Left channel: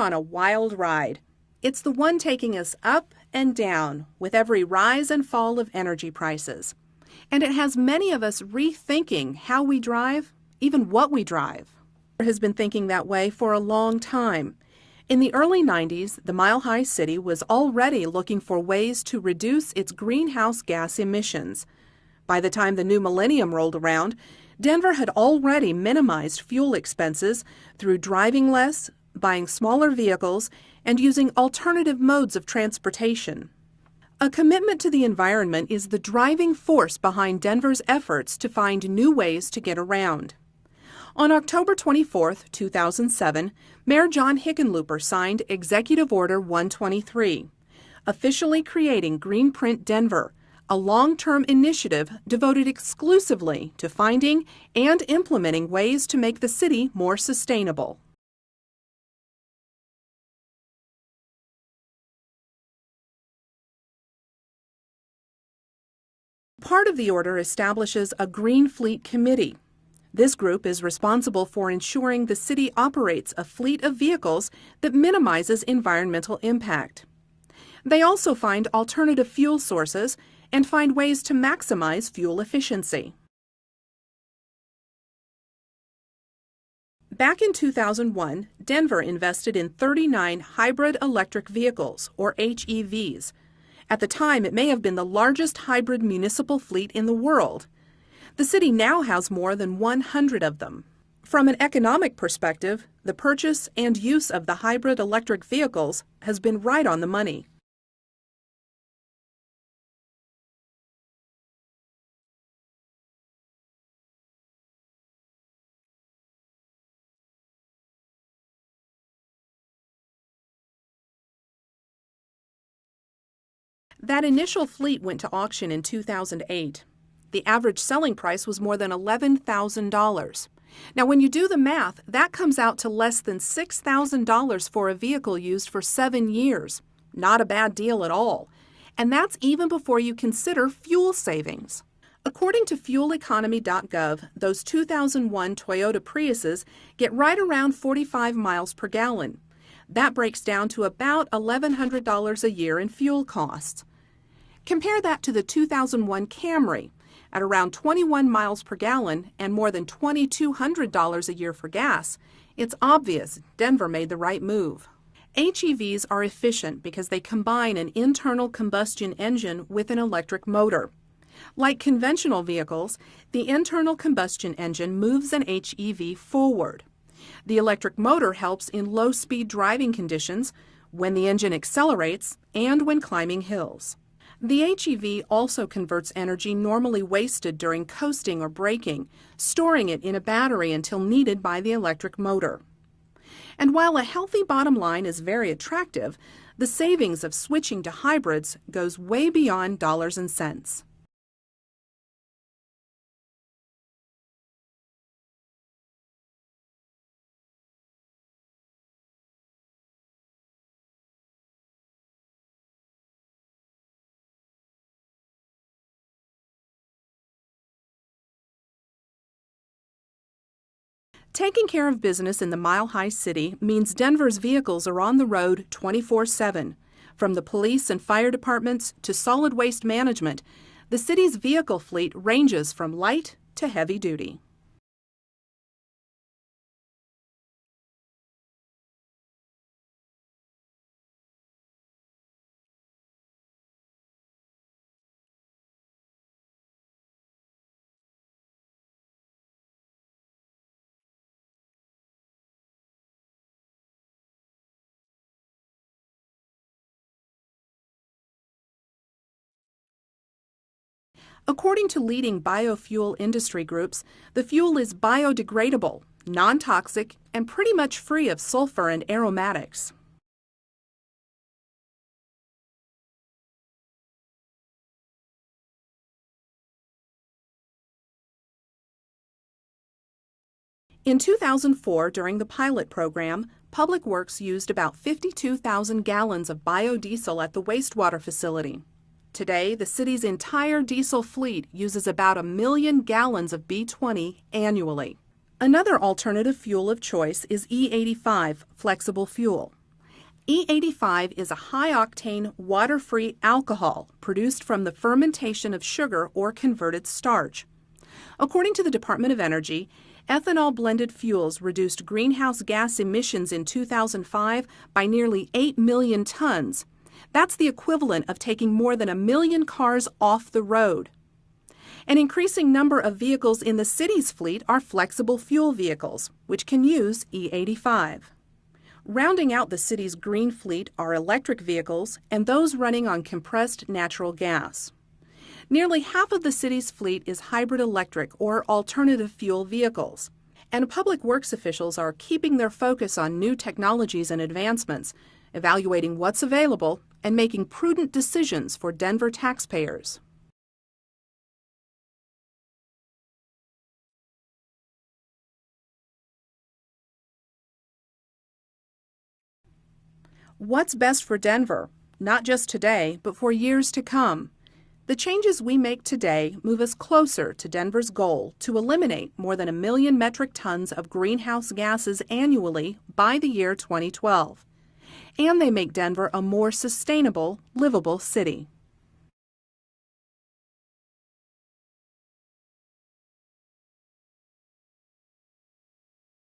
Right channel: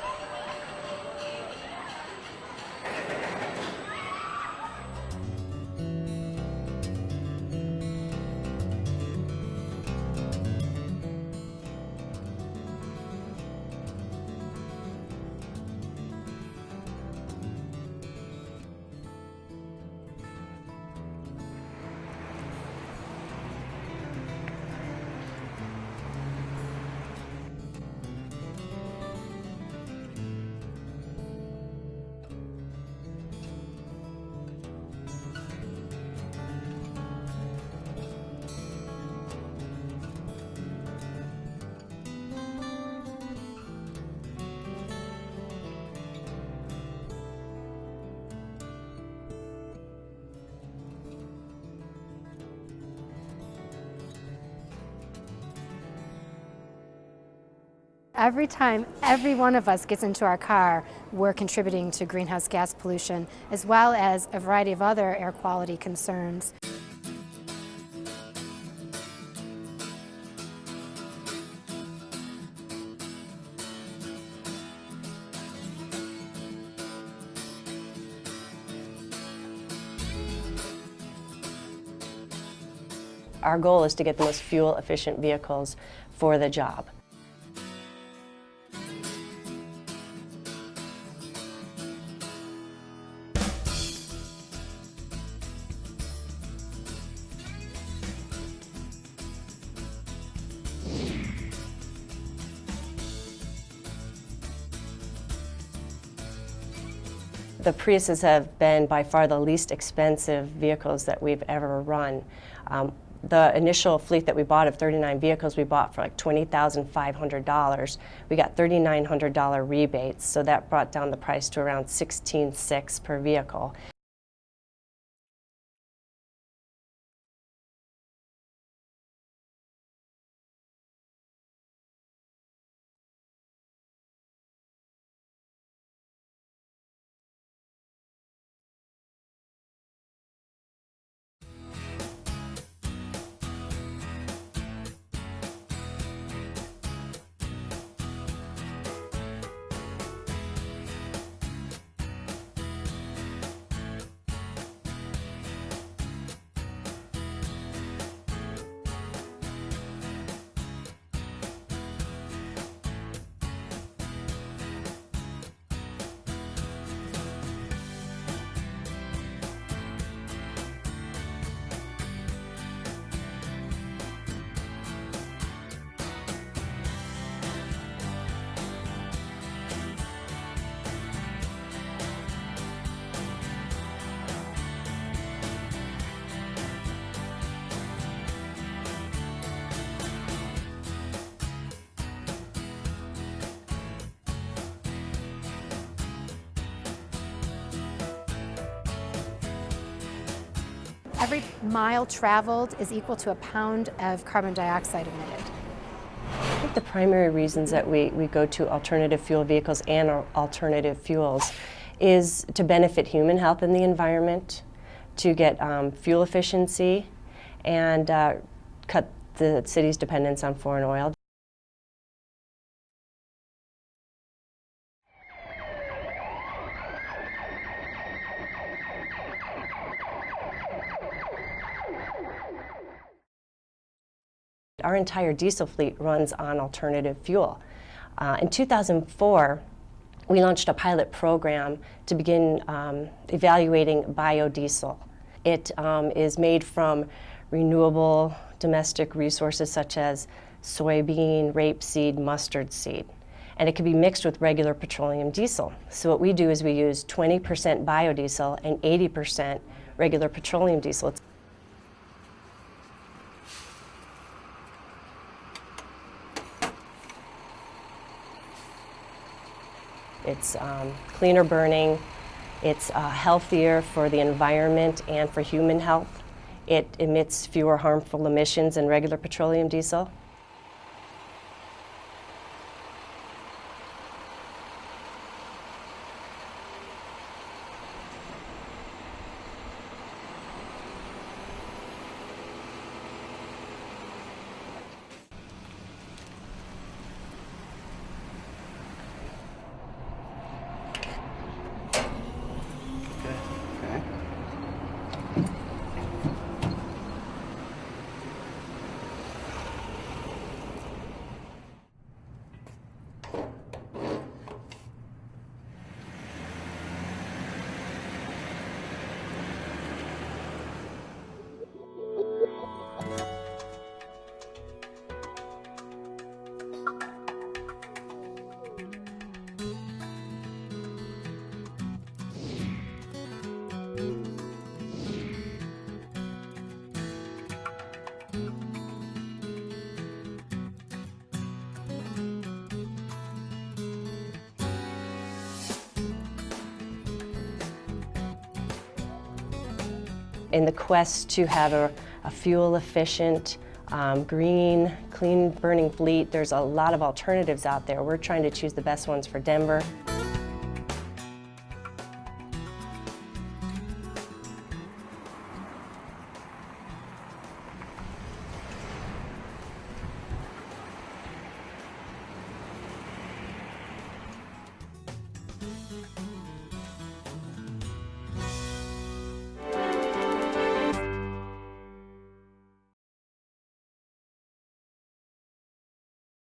on a wild ride. It's the one taking us up and down with every rise and fall of energy prices. And it has many of us rethinking how we drive, even what we drive. Has been thinking that way for a long time. In the early 90s, the Mile High City was already looking for ways to reduce its greenhouse gas emissions. By the time the new millennium rolled around, Denver had already minimized fuel expenses through driving less, buying smaller vehicles, and using alternative modes of transportation. A commitment to the environment is the driving force behind Denver's efforts to find new ways to get around. On October 24, 2007, Mayor John Hickenlooper signed Executive Order 123, officially creating Greenprint Denver, a long-term initiative devoted exclusively to finding and implementing ways to make the city more sustainable. Every time every one of us gets into our car, we're contributing to greenhouse gas pollution, as well as a variety of other air quality concerns. Part of the order establishes a Green Fleet Committee. This group is responsible for ensuring the city operates a fleet of vehicles that minimizes environmental impact. They also find alternative fuel sources and find ways to maximize fuel efficiency. Our goal is to get the most fuel-efficient vehicles for the job. Back in 2001, Denver invested in 39 hybrid electric vehicles, or HEVs. At the time, it may have been the largest hybrid municipal fleet in the world. The city now has more than 100 of them. From an economic perspective, the purchase and use of the hybrid electric vehicles has been right on the money. The Priuses have been by far the least expensive vehicles that we've ever run. The initial fleet that we bought of 39 vehicles, we bought for like $20,500. We got $3,900 rebates, so that brought down the price to around $16,600 per vehicle. That initial fleet went to auction in 2008. The average selling price was more than $11,000. Now, when you do the math, that comes out to less than $6,000 for a vehicle used for 7 years. Not a bad deal at all. And that's even before you consider fuel savings. According to fueleconomy.gov, those 2001 Toyota Priuses get right around 45 miles per gallon. That breaks down to about $1,100 a year in fuel costs. Compare that to the 2001 Camry at around 21 miles per gallon and more than $2,200 a year for gas. It's obvious Denver made the right move. HEVs are efficient because they combine an internal combustion engine with an electric motor. Like conventional vehicles, the internal combustion engine moves an HEV forward. The electric motor helps in low-speed driving conditions, when the engine accelerates, and when climbing hills. The HEV also converts energy normally wasted during coasting or braking, storing it in a battery until needed by the electric motor. And while a healthy bottom line is very attractive, the savings of switching to hybrids goes way beyond dollars and cents. Every mile traveled is equal to a pound of carbon dioxide emitted. I think the primary reasons that we go to alternative fuel vehicles and alternative fuels is to benefit human health and the environment, to get fuel efficiency, and cut the city's dependence on foreign oil. Taking care of business in the Mile High City means Denver's vehicles are on the road 24/7. From the police and fire departments to solid waste management, the city's vehicle fleet ranges from light to heavy duty. Our entire diesel fleet runs on alternative fuel. In 2004, we launched a pilot program to begin evaluating biodiesel. It is made from renewable domestic resources such as soybean, rapeseed, mustard seed. And it can be mixed with regular petroleum diesel. So what we do is we use 20% biodiesel and 80% regular petroleum diesel. According to leading biofuel industry groups, the fuel is biodegradable, non-toxic, and pretty much free of sulfur and aromatics. It's cleaner burning, it's healthier for the environment and for human health. It emits fewer harmful emissions than regular petroleum diesel. In 2004, during the pilot program, Public Works used about 52,000 gallons of biodiesel at the wastewater facility. Today, the city's entire diesel fleet uses about 1 million gallons of B20 annually. Another alternative fuel of choice is E85 flexible fuel. E85 is a high-octane, water-free alcohol produced from the fermentation of sugar or converted starch. According to the Department of Energy, ethanol-blended fuels reduced greenhouse gas emissions in 2005 by nearly 8 million tons. That's the equivalent of taking more than 1 million cars off the road. An increasing number of vehicles in the city's fleet are flexible fuel vehicles, which can use E85. Rounding out the city's green fleet are electric vehicles and those running on compressed natural gas. Nearly half of the city's fleet is hybrid electric or alternative fuel vehicles, and public works officials are keeping their focus on new technologies and advancements, evaluating what's available and making prudent decisions for Denver taxpayers. In the quest to have a fuel-efficient, green, clean-burning fleet, there's a lot of alternatives out there. We're trying to choose the best ones for Denver. What's best for Denver? Not just today, but for years to come. The changes we make today move us closer to Denver's goal to eliminate more than 1 million metric tons of greenhouse gases annually by the year 2012. And they make Denver a more sustainable, livable city.